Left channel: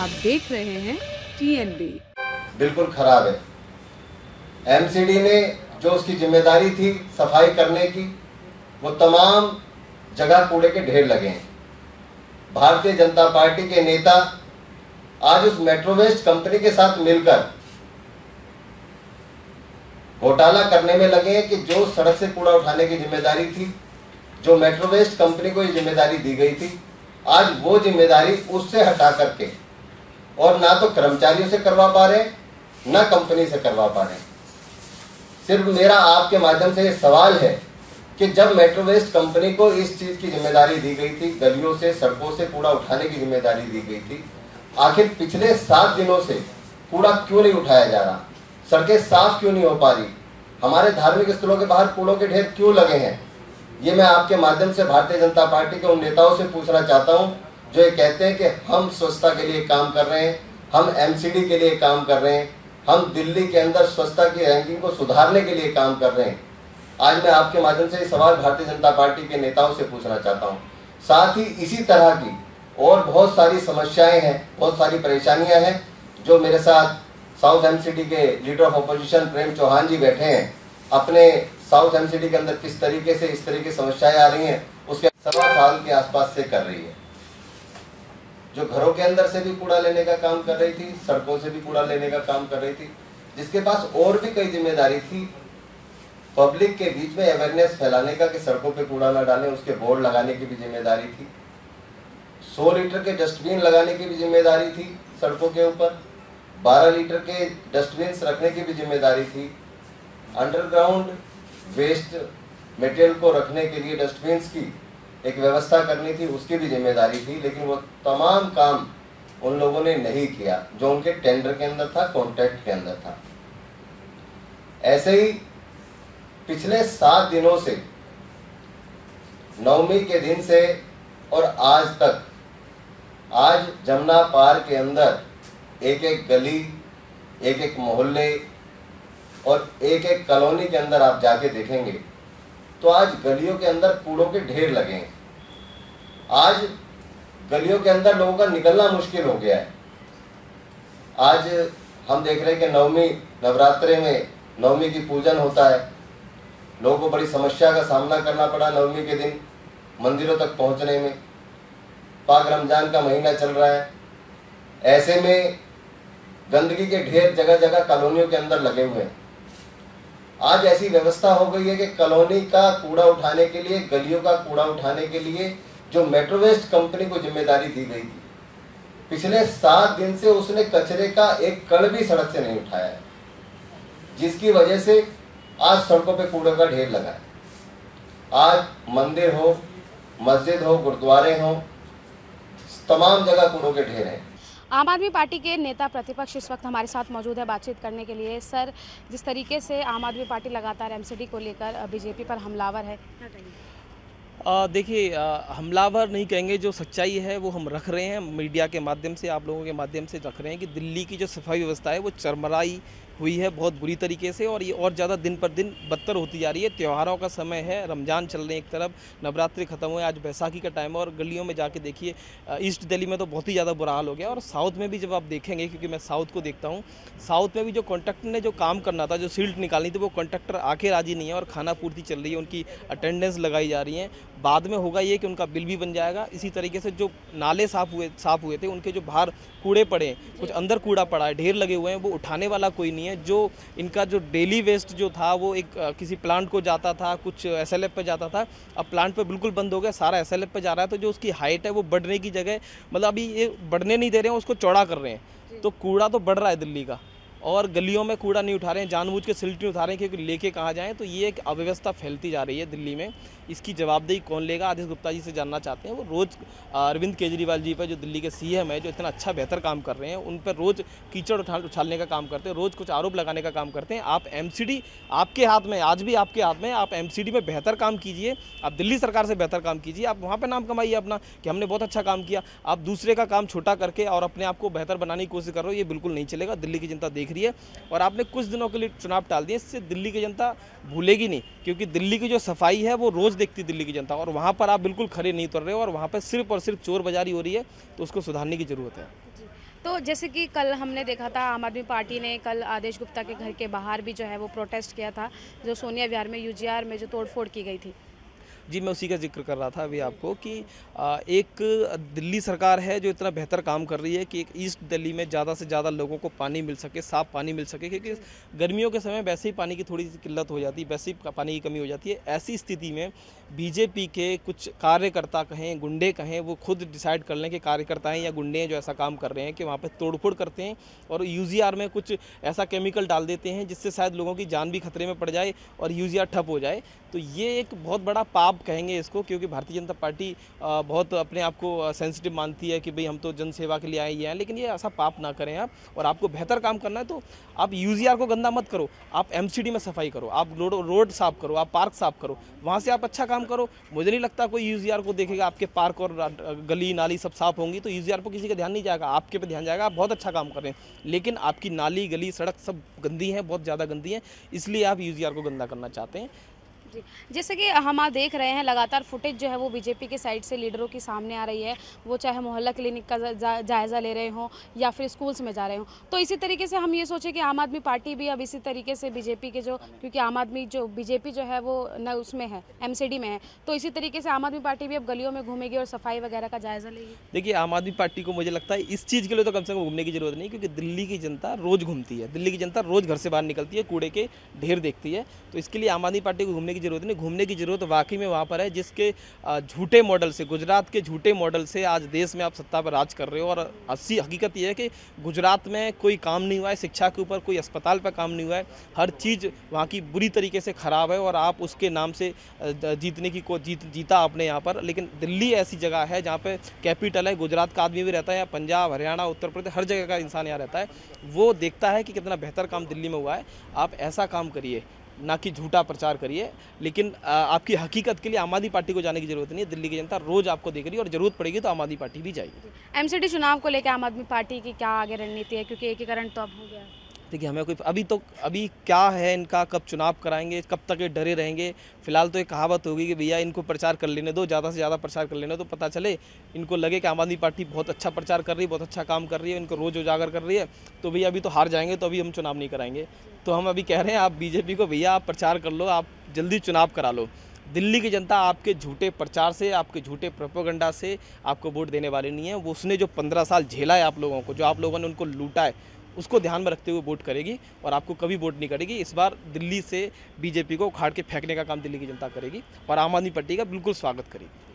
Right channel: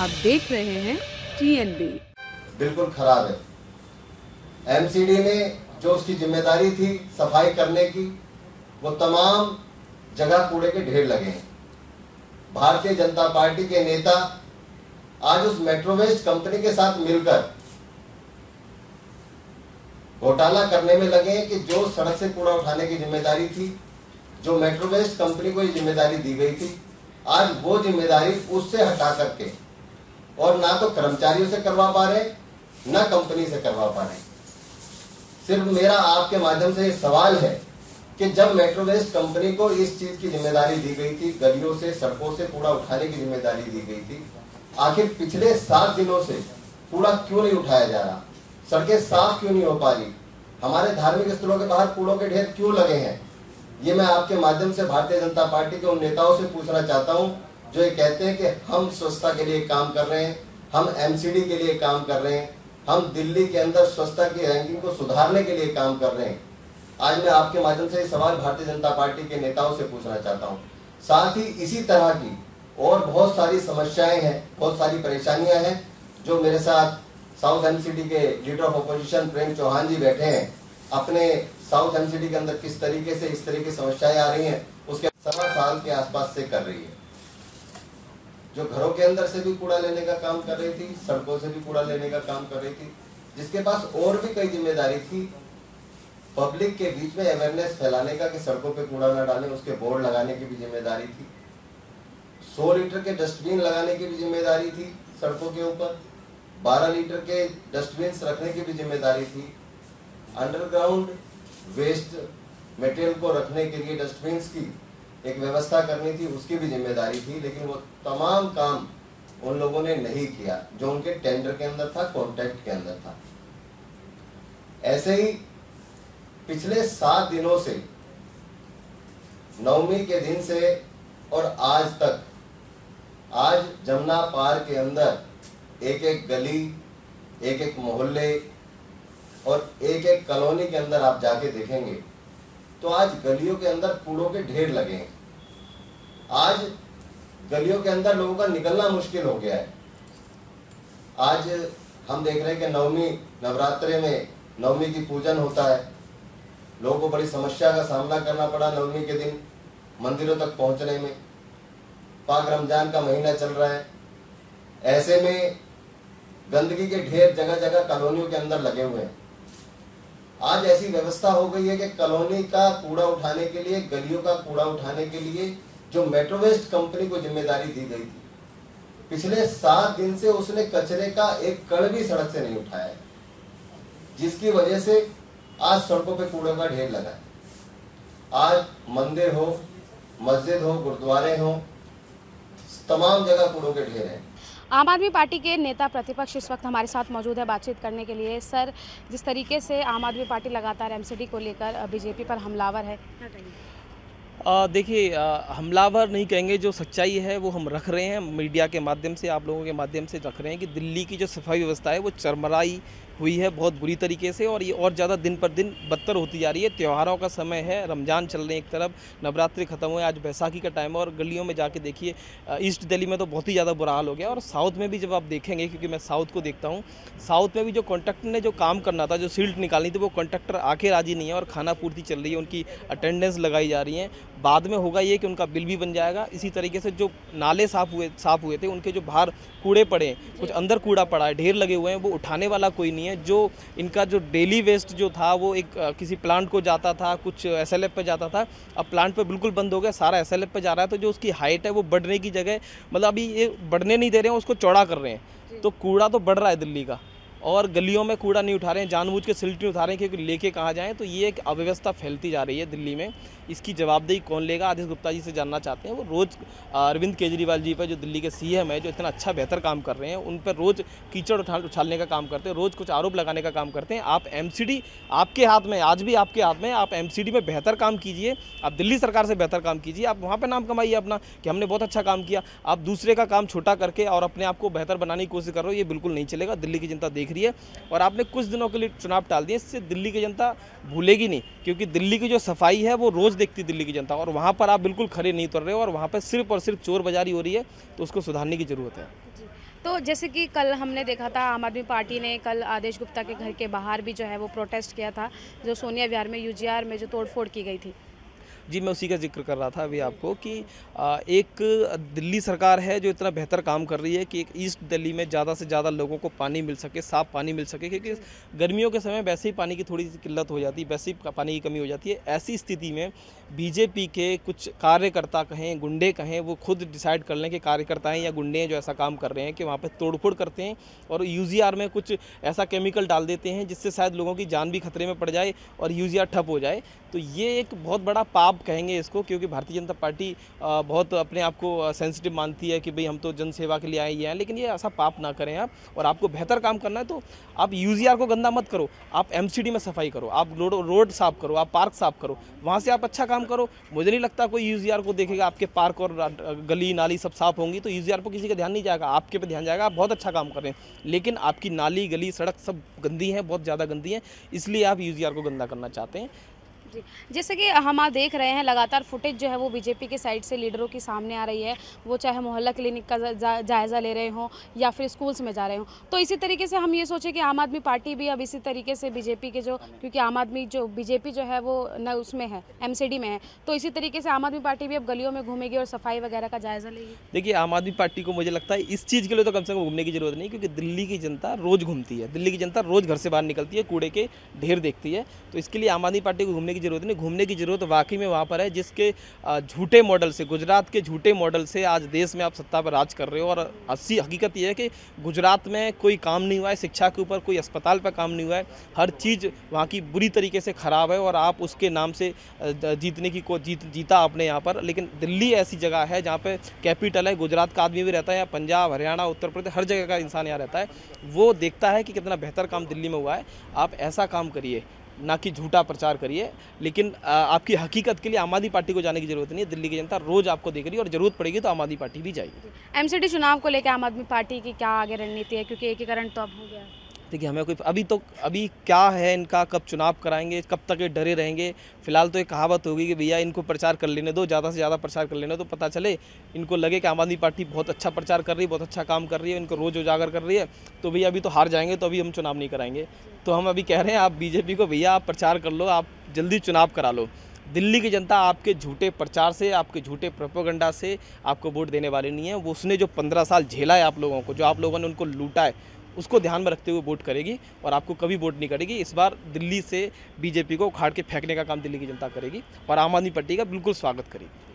आप देख रहे हैं TNB। बिल्कुल खराब है। एमसीडी ने जो उसकी जिम्मेदारी थी सफाई करने की, वो तमाम जगह कूड़े के ढेर लगे हैं। भारतीय जनता पार्टी के नेता आज उस मेट्रो वेस्ट कंपनी के साथ मिलकर घोटाला करने में लगे हैं कि जो सड़क से कूड़ा उठाने की जिम्मेदारी थी, जो मेट्रो वेस्ट कंपनी को ये जिम्मेदारी दी गई थी, आज वो जिम्मेदारी उससे हटा करके और ना तो कर्मचारियों से करवा पा रहे, ना कंपनी से करवा पा रहे। सिर्फ मेरा आपके माध्यम से ये सवाल है कि जब मेट्रो वेस्ट कंपनी को इस चीज की जिम्मेदारी दी गई थी, गलियों से सड़कों से कूड़ा उठाने की जिम्मेदारी दी गई थी, आखिर पिछले 7 दिनों से कूड़ा क्यों नहीं उठाया जा रहा? सड़कें साफ क्यों नहीं हो पा रही? हमारे धार्मिक स्थलों के बाहर कूड़ों के ढेर क्यों लगे हैं? ये मैं आपके माध्यम से भारतीय जनता पार्टी के उन नेताओं से पूछना चाहता हूं जो ये कहते हैं कि हम स्वच्छता के लिए काम कर रहे हैं, हम एमसीडी के लिए काम कर रहे हैं, हम दिल्ली के अंदर स्वच्छता की रैंकिंग को सुधारने के लिए काम कर रहे हैं। आज मैं आपके माध्यम से सवाल भारतीय जनता पार्टी के नेताओं से पूछना चाहता हूं। साथ ही इसी तरह की और बहुत सारी समस्याएं हैं, बहुत सारी परेशानियां हैं जो मेरे साथ साउथ एमसीडी के लीडर ऑफ अपोजिशन प्रेम चौहान जी बैठे हैं। अपने साउथ एमसीडी के अंदर किस तरीके से इस तरह की समस्याएं आ रही हैं उसके 7 साल के आसपास से कर रही है। जो घरों के अंदर से भी कूड़ा लेने का काम कर रही थी, सड़कों से भी कूड़ा लेने का काम कर रही थी, जिसके पास और भी कई जिम्मेदारी थी। पब्लिक के बीच में अवेयरनेस फैलाने का कि सड़कों पे कूड़ा ना डालें, उसके बोर्ड लगाने की भी जिम्मेदारी थी। 100 लीटर के डस्टबिन लगाने की भी जिम्मेदारी थी सड़कों के ऊपर, 12 लीटर के डस्टबिन रखने की भी जिम्मेदारी थी। अंडरग्राउंड वेस्ट मटेरियल को रखने के लिए डस्टबिन की एक व्यवस्था करनी थी, उसकी भी जिम्मेदारी थी। लेकिन वो तमाम काम उन लोगों ने नहीं किया जो उनके टेंडर के अंदर था, कॉन्ट्रैक्ट के अंदर था। ऐसे ही पिछले 7 दिनों से, नवमी के दिन से और आज तक, आज जमुना पार के अंदर एक एक गली, एक एक मोहल्ले और एक एक कॉलोनी के अंदर आप जाके देखेंगे तो आज गलियों के अंदर कूड़ों के ढेर लगे हैं। आज गलियों के अंदर लोगों का निकलना मुश्किल हो गया है। आज हम देख रहे हैं कि नवमी नवरात्रे में नवमी की पूजन होता है। लोगों को बड़ी समस्या का सामना करना पड़ा नवमी के दिन मंदिरों तक पहुंचने में। पाक रमजान का महीना चल रहा है, ऐसे में गंदगी के ढेर जगह जगह कॉलोनियों के अंदर लगे हुए हैं। आज ऐसी व्यवस्था हो गई है कि कॉलोनी का कूड़ा उठाने के लिए, गलियों का कूड़ा उठाने के लिए जो मेट्रो वेस्ट कंपनी को जिम्मेदारी दी गई थी, पिछले 7 दिन से उसने कचरे का एक कण भी सड़क से नहीं उठाया है, जिसकी वजह से आज सड़कों पे कूड़े का ढेर लगा है। आज मंदिर हो, मस्जिद हो, गुरुद्वारे हो, तमाम जगह कूड़ों के ढेर हैं। आम आदमी पार्टी के नेता प्रतिपक्ष इस वक्त हमारे साथ मौजूद है बातचीत करने के लिए। सर, जिस तरीके से आम आदमी पार्टी लगातार एमसीडी को लेकर बीजेपी पर हमलावर है, देखिए, हमलावर नहीं कहेंगे, जो सच्चाई है वो हम रख रहे हैं, मीडिया के माध्यम से, आप लोगों के माध्यम से रख रहे हैं कि दिल्ली की जो सफाई व्यवस्था है वो चरमराई हुई है बहुत बुरी तरीके से, और ये और ज़्यादा दिन पर दिन बदतर होती जा रही है। त्योहारों का समय है, रमज़ान चल रहे हैं, एक तरफ नवरात्रि खत्म हुए, आज बैसाखी का टाइम है, और गलियों में जाके देखिए, ईस्ट दिल्ली में तो बहुत ही ज़्यादा बुरा हाल हो गया। और साउथ में भी जब आप देखेंगे, क्योंकि मैं साउथ को देखता हूँ, साउथ में भी जो कॉन्ट्रैक्टर ने जो काम करना था, जो सील्ट निकालनी थी, वो कॉन्ट्रैक्टर आके राजी नहीं है और खाना पूर्ति चल रही है, उनकी अटेंडेंस लगाई जा रही है। बाद में होगा ये कि उनका बिल भी बन जाएगा। इसी तरीके से जो नाले साफ़ हुए थे, उनके जो बाहर कूड़े पड़े, कुछ अंदर कूड़ा पड़ा है, ढेर लगे हुए हैं, वो उठाने वाला कोई नहीं है। जो इनका जो डेली वेस्ट जो था वो एक किसी प्लांट को जाता था, कुछ एसएलएफ पे जाता था, अब प्लांट पे बिल्कुल बंद हो गया, सारा एसएलएफ पे जा रहा है। तो जो उसकी हाइट है वो बढ़ने की जगह, मतलब अभी ये बढ़ने नहीं दे रहे हैं, उसको चौड़ा कर रहे हैं। तो कूड़ा तो बढ़ रहा है दिल्ली का, और गलियों में कूड़ा नहीं उठा रहे हैं, जानबूझ के सिल्ट नहीं उठा रहे हैं क्योंकि लेके कहाँ जाएँ। तो ये एक अव्यवस्था फैलती जा रही है दिल्ली में। इसकी जवाबदेही कौन लेगा? आदेश गुप्ता जी से जानना चाहते हैं। वो रोज़ अरविंद केजरीवाल जी पर, जो दिल्ली के सीएम है, जो इतना अच्छा बेहतर काम कर रहे हैं, उन पर रोज़ कीचड़ उछालने का काम करते हैं, रोज़ कुछ आरोप लगाने का काम करते हैं। आप एमसीडी आपके हाथ में, आज भी आपके हाथ में, आप एमसीडी में बेहतर काम कीजिए, आप दिल्ली सरकार से बेहतर काम कीजिए, आप वहाँ पर नाम कमाइए अपना कि हमने बहुत अच्छा काम किया। आप दूसरे का काम छोटा करके और अपने आप को बेहतर बनाने की कोशिश कर रहे हो, ये बिल्कुल नहीं चलेगा। दिल्ली की जनता देख रही है, और आपने कुछ दिनों के लिए चुनाव टाल दिए, इससे दिल्ली की जनता भूलेगी नहीं, क्योंकि दिल्ली की जो सफाई है वो रोज़ देखती दिल्ली की जनता, और वहाँ पर आप बिल्कुल खड़े नहीं उतर रहे हो, और वहाँ पर सिर्फ और सिर्फ चोर बाजारी हो रही है। तो उसको सुधारने की ज़रूरत है। तो जैसे कि कल हमने देखा था, आम आदमी पार्टी ने कल आदेश गुप्ता के घर के बाहर भी जो है वो प्रोटेस्ट किया था, जो सोनिया विहार में यूजीआर में जो तोड़फोड़ की गई थी। जी, मैं उसी का जिक्र कर रहा था अभी आपको कि एक दिल्ली सरकार है जो इतना बेहतर काम कर रही है कि एक ईस्ट दिल्ली में ज़्यादा से ज़्यादा लोगों को पानी मिल सके, साफ़ पानी मिल सके, क्योंकि गर्मियों के समय वैसे ही पानी की थोड़ी सी किल्लत हो जाती है, वैसे ही पानी की कमी हो जाती है। ऐसी स्थिति में बीजेपी के कुछ कार्यकर्ता कहें, गुंडे कहें, वो खुद डिसाइड कर लें कि कार्यकर्ता हैं या गुंडे हैं जो ऐसा काम कर रहे हैं कि वहाँ पर तोड़फोड़ करते हैं और यूजीआर में कुछ ऐसा केमिकल डाल देते हैं जिससे शायद लोगों की जान भी खतरे में पड़ जाए और यूजीआर ठप हो जाए। तो ये एक बहुत बड़ा पाप कहेंगे इसको, क्योंकि भारतीय जनता पार्टी बहुत अपने आप को सेंसिटिव मानती है कि भाई हम तो जन सेवा के लिए आए हैं, लेकिन ये ऐसा पाप ना करें आप। और आपको बेहतर काम करना है तो आप यूजीआर को गंदा मत करो, आप एमसीडी में सफाई करो, आप रोड साफ करो, आप पार्क साफ करो, वहाँ से आप अच्छा काम करो। मुझे नहीं लगता कोई यूजीआर को देखेगा, आपके पार्क और गली नाली सब साफ होंगी तो यूजीआर पर किसी का ध्यान नहीं जाएगा, आपके पे ध्यान जाएगा, आप बहुत अच्छा काम कर रहे हैं। लेकिन आपकी नाली गली सड़क सब गंदी है, बहुत ज़्यादा गंदी है, इसलिए आप यूजीआर को गंदा करना चाहते हैं। जी, जैसे कि हम आज देख रहे हैं लगातार फुटेज जो है वो बीजेपी के साइड से लीडरों की सामने आ रही है, वो चाहे मोहल्ला क्लिनिक का जायज़ा ले रहे हों या फिर स्कूल्स में जा रहे हों। तो इसी तरीके से हम ये सोचें कि आम आदमी पार्टी भी अब इसी तरीके से बीजेपी के जो, क्योंकि आम आदमी जो बीजेपी जो है वो न उसमें है, एमसीडी में है, तो इसी तरीके से आम आदमी पार्टी भी अब गलियों में घूमेगी और सफाई वगैरह का जायज़ा लेगी। देखिए, आम आदमी पार्टी को मुझे लगता है इस चीज़ के लिए तो कम से कम घूमने की जरूरत नहीं, क्योंकि दिल्ली की जनता रोज़ घूमती है, दिल्ली की जनता रोज़ घर से बाहर निकलती है, कूड़े के ढेर देखती है। तो इसके लिए आम आदमी पार्टी को घूमने की जरूरत नहीं। घूमने की जरूरत वाकई में वहाँ पर है जिसके झूठे मॉडल से, गुजरात के झूठे मॉडल से आज देश में आप सत्ता पर राज कर रहे हो। और असली हकीकत ये है कि गुजरात में कोई काम नहीं हुआ है, शिक्षा के ऊपर कोई अस्पताल पर काम नहीं हुआ है, हर चीज़ वहाँ की बुरी तरीके से ख़राब है और आप उसके नाम से जीतने की जीता आपने यहाँ पर। लेकिन दिल्ली ऐसी जगह है जहाँ पर कैपिटल है, गुजरात का आदमी भी रहता है, या पंजाब, हरियाणा, उत्तर प्रदेश, हर जगह का इंसान यहाँ रहता है, वो देखता है कि कितना बेहतर काम दिल्ली में हुआ है। आप ऐसा काम करिए, ना कि झूठा प्रचार करिए। लेकिन आपकी हकीकत के लिए आम आदमी पार्टी को जाने की जरूरत नहीं है। दिल्ली की जनता रोज आपको देख रही है और जरूरत पड़ेगी तो आम आदमी पार्टी भी जाएगी। एमसीडी चुनाव को लेकर आम आदमी पार्टी की क्या आगे रणनीति है, क्योंकि एकीकरण तो अब हो गया है? देखिए, हमें कोई अभी क्या है इनका, कब चुनाव कराएंगे, कब तक ये डरे रहेंगे। फिलहाल तो एक कहावत होगी कि भैया इनको प्रचार कर लेने दो, ज़्यादा से ज़्यादा प्रचार कर लेने दो, पता चले इनको लगे कि आम आदमी पार्टी बहुत अच्छा प्रचार कर रही है, बहुत अच्छा काम कर रही है, इनको रोज़ उजागर कर रही है, तो भैया अभी तो हार जाएंगे, तो अभी हम चुनाव नहीं कराएंगे। तो हम अभी कह रहे हैं आप बीजेपी को, भैया आप प्रचार कर लो, आप जल्दी चुनाव करा लो। दिल्ली की जनता आपके झूठे प्रचार से, आपके झूठे प्रोपेगेंडा से आपको वोट देने वाली नहीं है। वो उसने जो 15 साल झेला है आप लोगों को, जो आप लोगों ने उनको लूटा है, उसको ध्यान में रखते हुए वोट करेगी और आपको कभी वोट नहीं करेगी। इस बार दिल्ली से बीजेपी को उखाड़ के फेंकने का काम दिल्ली की जनता करेगी और आम आदमी पार्टी का बिल्कुल स्वागत करेगी।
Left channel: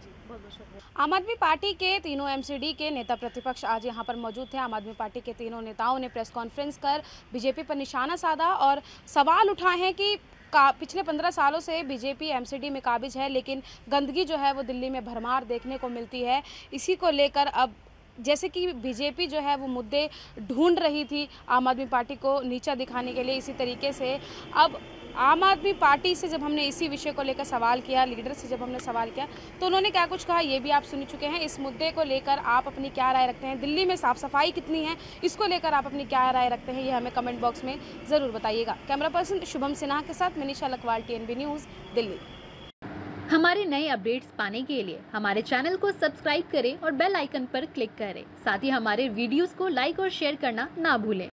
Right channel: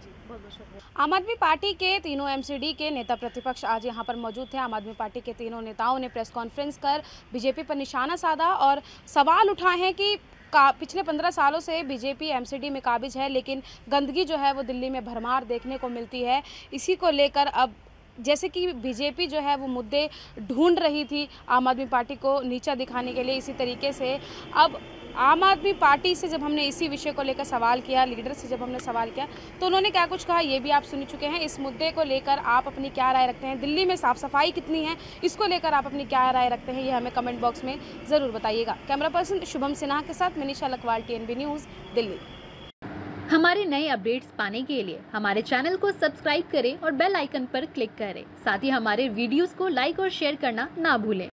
आम आदमी पार्टी के तीनों एमसीडी के नेता प्रतिपक्ष आज यहां पर मौजूद थे। आम आदमी पार्टी के तीनों नेताओं ने प्रेस कॉन्फ्रेंस कर बीजेपी पर निशाना साधा और सवाल उठाए हैं कि पिछले 15 सालों से बीजेपी एमसीडी में काबिज है, लेकिन गंदगी जो है वो दिल्ली में भरमार देखने को मिलती है। इसी को लेकर अब जैसे कि बीजेपी जो है वो मुद्दे ढूंढ रही थी आम आदमी पार्टी को नीचा दिखाने के लिए, इसी तरीके से अब आम आदमी पार्टी से जब हमने इसी विषय को लेकर सवाल किया, लीडर से जब हमने सवाल किया, तो उन्होंने क्या कुछ कहा ये भी आप सुन चुके हैं। इस मुद्दे को लेकर आप अपनी क्या राय रखते हैं, दिल्ली में साफ सफाई कितनी है, इसको लेकर आप अपनी क्या राय रखते हैं, ये हमें कमेंट बॉक्स में ज़रूर बताइएगा। कैमरा पर्सन शुभम सिन्हा के साथ मनीषा लखवाल, TNB न्यूज़, दिल्ली। हमारे नए अपडेट्स पाने के लिए हमारे चैनल को सब्सक्राइब करें और बेल आइकन पर क्लिक करें। साथ ही हमारे वीडियोस को लाइक और शेयर करना ना भूलें।